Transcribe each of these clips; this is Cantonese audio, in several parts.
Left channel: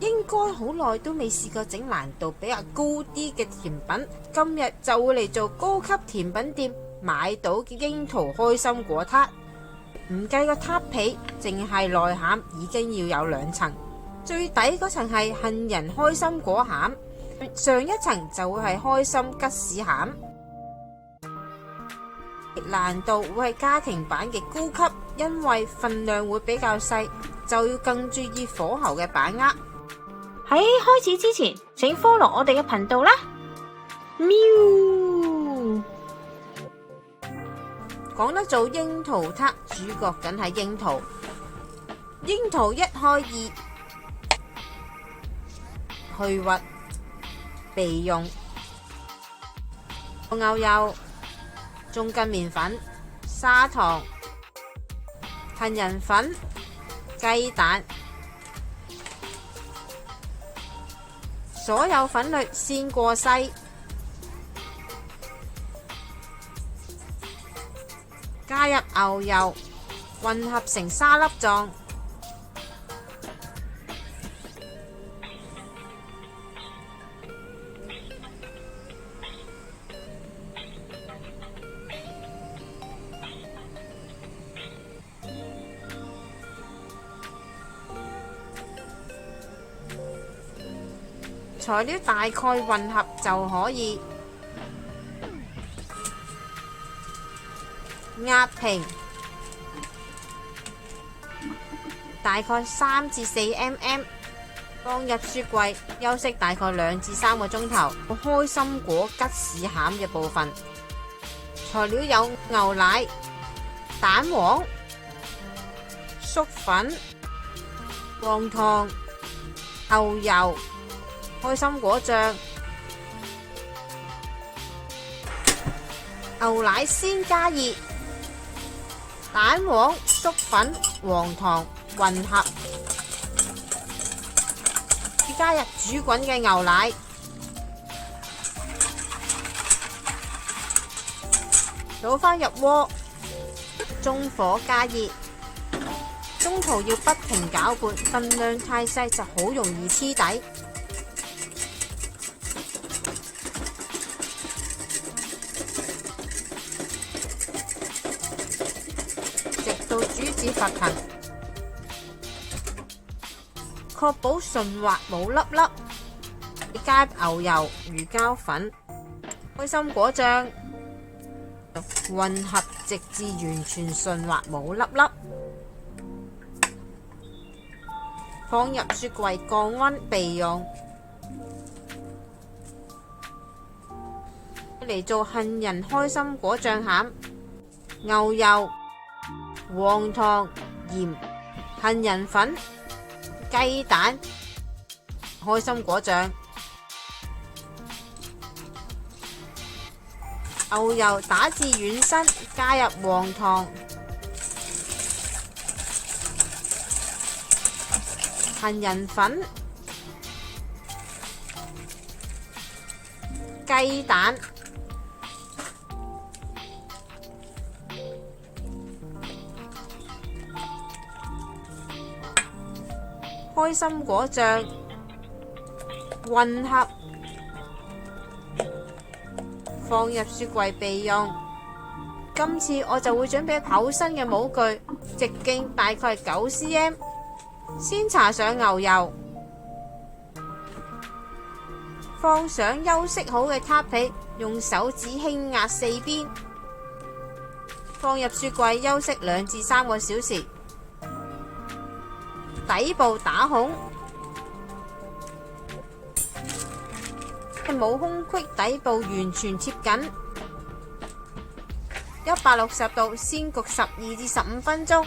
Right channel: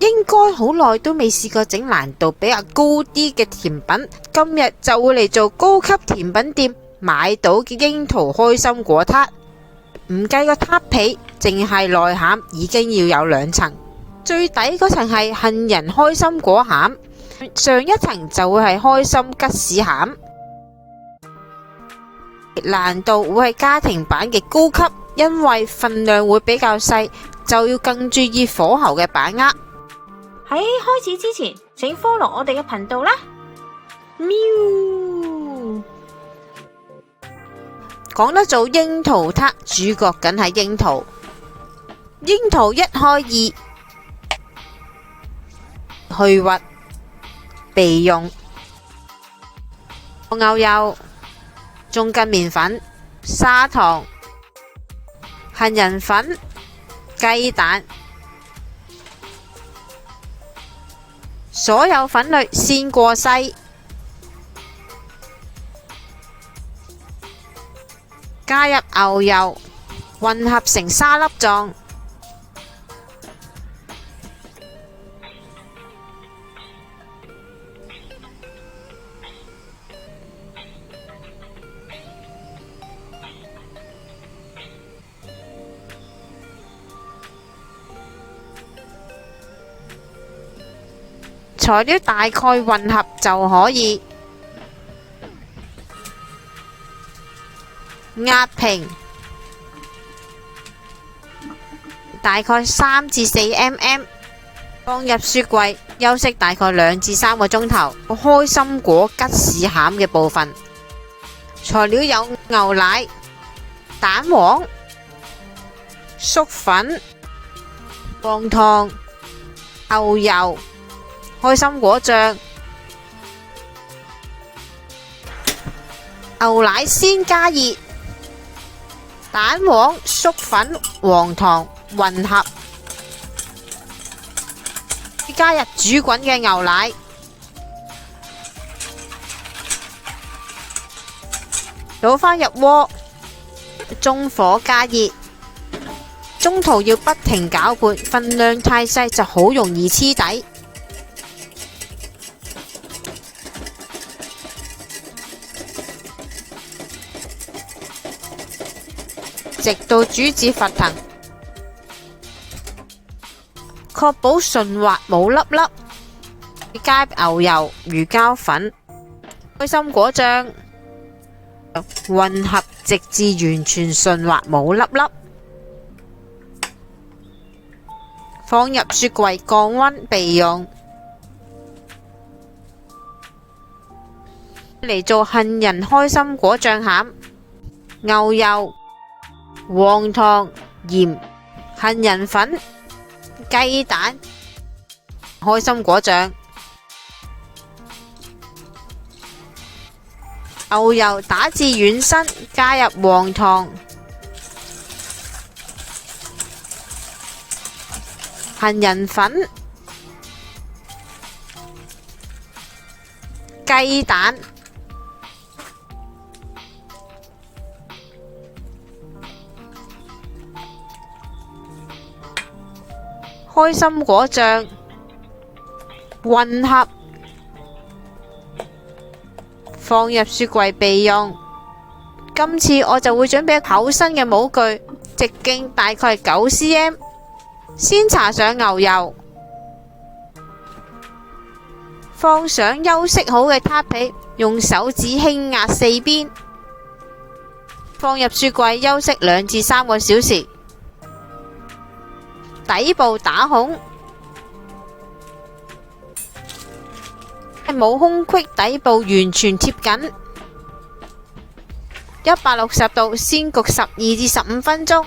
應該好耐都未試過整難度比較高啲嘅甜品，今日就會嚟做高級甜品店買到嘅櫻桃開心果撻。唔計個撻皮，淨係內餡已經要有2層，最底嗰層係杏仁開心果餡，上一層就會係開心吉士餡。難度會係家庭版嘅高級，因為份量會比較細，就要更注意火候嘅把握。喺開始之前，請 follow 我哋嘅頻道啦。喵！講得做櫻桃撻，主角梗係櫻桃。櫻桃一開二，去核備用。牛油、中筋麵粉、砂糖、杏仁粉、雞蛋，所有粉類先過篩。加入牛油，混合成沙粒狀。材料大概混合就可以。壓平，大概3至4 mm， 放入雪櫃休息大概2至3個鐘頭。開心果吉士餡嘅部分，材料有牛奶、蛋黃、粟粉、黃糖、牛油、開心果醬。牛奶先加熱，蛋黃、粟粉、黃糖混合，加入煮滾嘅牛奶，倒返入鍋，中火加熱，中途要不停攪拌，份量太細就好容易黐底。直到煮至沸騰，確保順滑冇粒粒。加牛油、魚膠粉、開心果醬，混合直至完全順滑冇粒粒。放入雪櫃降溫備用。嚟做杏仁開心果醬餡，牛油、黃糖、鹽、杏仁粉、雞蛋、開心果醬。牛油打至軟身，加入黃糖、杏仁粉、雞蛋。開心果醬混合，放入雪櫃備用。今次我就會準備厚身嘅模具，直徑大概9 cm， 先搽上牛油，放上休息好嘅撻皮，用手指輕壓四邊，放入雪櫃休息2至3個小時。底部打孔，冇空隙，底部完全貼緊。160度先焗12至15分鐘。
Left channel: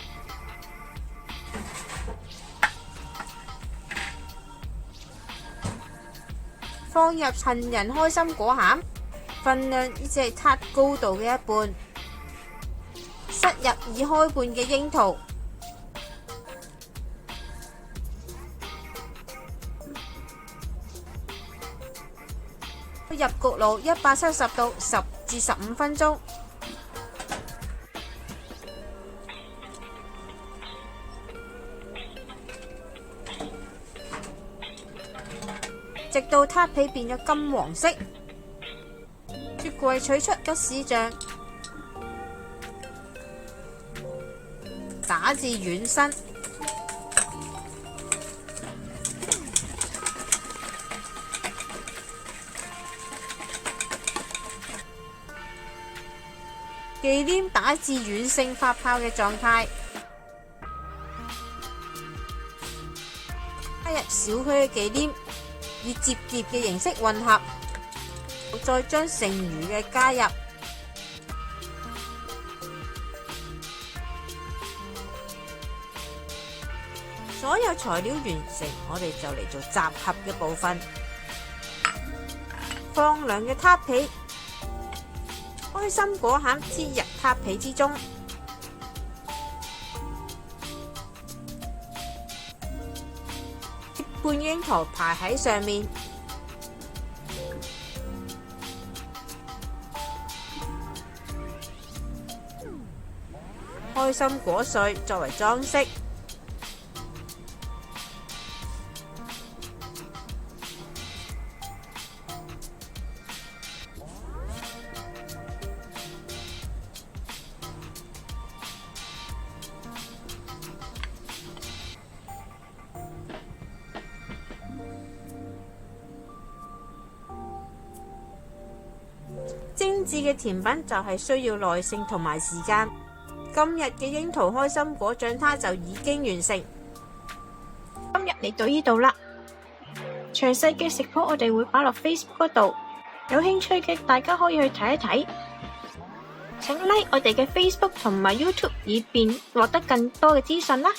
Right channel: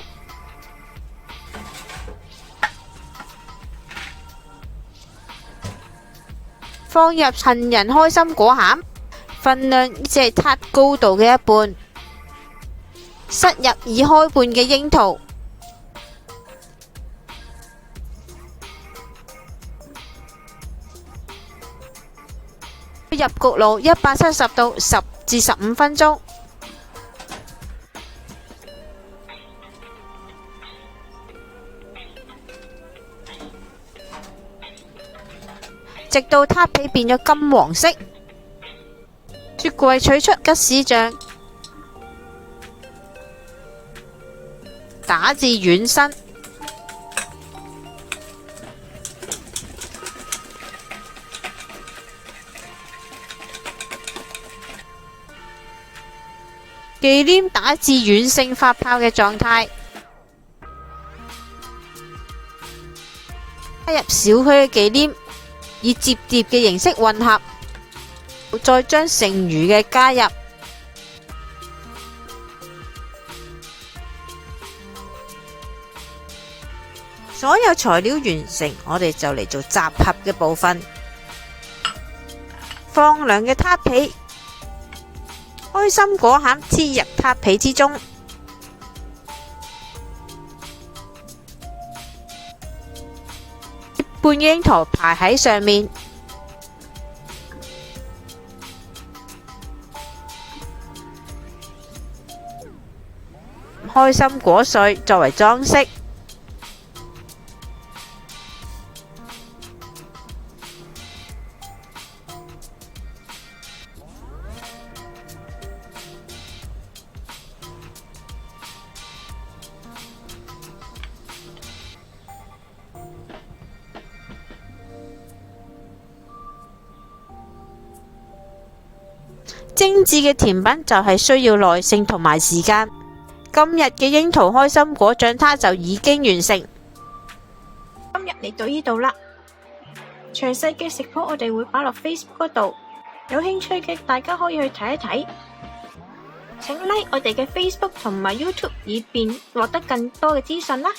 放入杏仁開心果餡，份量只係撻高度嘅一半。塞入已開半嘅櫻桃。入焗爐170度10至15分鐘。直到撻皮變咗金黃色。雪櫃取出吉士醬，打至軟身。忌廉打至軟性發泡嘅狀態，加入少許嘅忌廉，以摺疊嘅形式混合，再將剩餘嘅加入。所有材料完成，我哋就嚟做集合嘅部分。放涼嘅撻皮，開心果餡黐入撻皮之中，半櫻桃排喺上面，開心果碎作為裝飾。精緻嘅甜品就係需要耐性同埋時間。今日嘅櫻桃開心果醬撻就已經完成。今日嚟到呢度啦，詳細嘅食譜我哋會擺落 Facebook 嗰度，有興趣嘅大家可以去睇一睇。請 like 我哋嘅 Facebook 同埋 YouTube，以便獲得更多嘅資訊啦。